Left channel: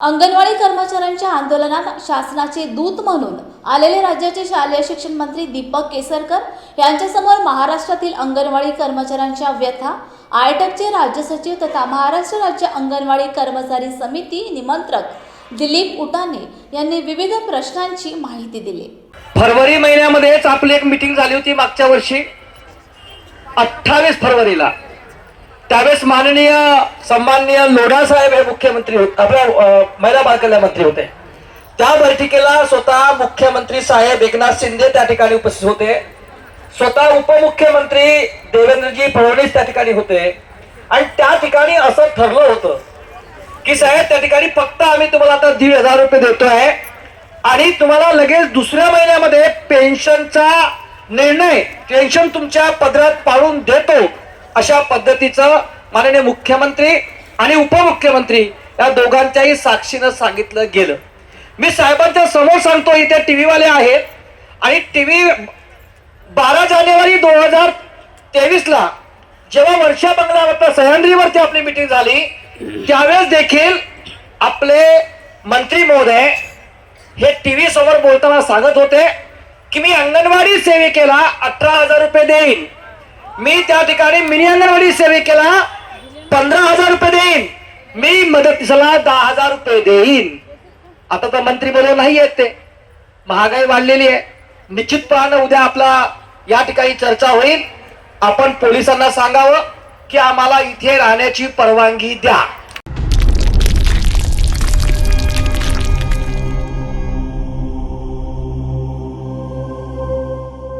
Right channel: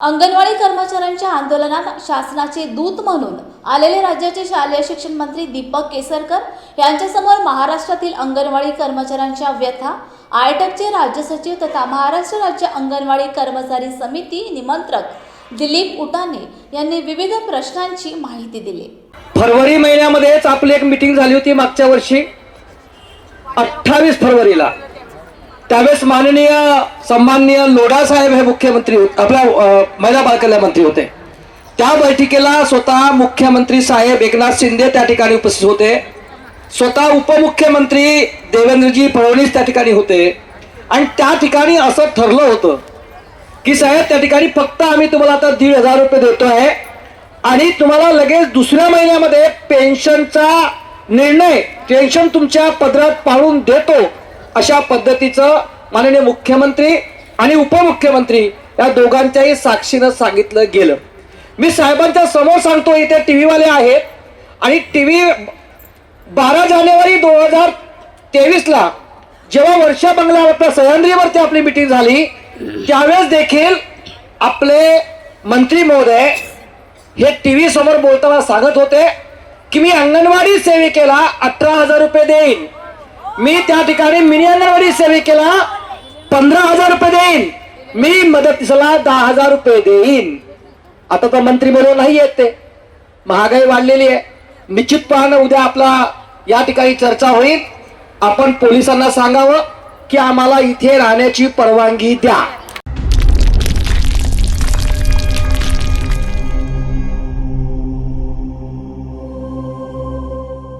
अंगणवाडी कर्मचाऱ्यांच्या आंदोलनात शासनाचे दूत म्हणून आलेले राज्याचे शालेय शिक्षण मंत्री दीपक केसरकर यांच्यासमोर महाराष्ट्रातील अंगणवाडी कर्मचाऱ्यांच्या व्यथा, आयटकचे राज्य सचिव तथा महाराष्ट्र राज्य अंगणवाडी कर्मचारी समिती निमंत्रक दिलीप उटाणे यांनी विविध प्रश्नांची माहिती दिली। फरवरी महिन्यामध्येच आपली एक मीटिंग झाली होती मागच्या वर्षी 28 फरवरीला। त्यावेळेस माननीय सन्माननीय लोढा साहेब हे मुख्यमंत्री होते, आपल्या महिला बालकल्याण मंत्री होते। त्या बैठकीला स्वतः मुख्यमंत्री साहेब एकनाथ शिंदे त्या ठिकाणी उपस्थित होते, स्वतः उपमुख्यमंत्री देवेंद्रजी फडणवीस त्या ठिकाणी होते। आणि त्या ठिकाणी असं ठरलं होतं की साहेब त्या ठिकाणी फक्त आम्ही तुम्हाला आता 1,500 रुपये देतोय आणि तुम्हाला लगेच दुसऱ्या महिन्यामध्ये पेन्शनचा निर्णय, पेन्शन तुमच्या पदरात पाडून देतो, अशा पद्धतीचं माननीय मुख्यमंत्री आणि उपमुख्यमंत्री या दोघांच्याही साक्षीनं सांगितलं गेलं। मी साहेबांच्या समोर सांगतो, इथे टीव्ही वाले आहेत आणि टीव्ही 12 जानेवारी 2023 ला जेव्हा वर्षा बंगला सह्याद्रीवरती आपली मीटिंग झाली त्यावेळेस देखील आपले मंत्री महोदय हे टीव्ही समोर बोलताना सांगत होते की मी अंगणवाडी सेविकेला 18,000 रुपये देईन, मी त्या ठिकाणी मिनी अंगणवाडी सेविकेला 15,000 रुपये देईन, मी मदतीला 10,000 रुपये देईन। आता तर मंत्री मध्ये नाही आहेत, ते महागाई वाढलेली आहे। निश्चितपणे उद्या आपला या ठिकाणी चर्चा होईल। आपण पोलिसांना सांगावं की आम्हाला इथे राहण्याची परवानगी द्या।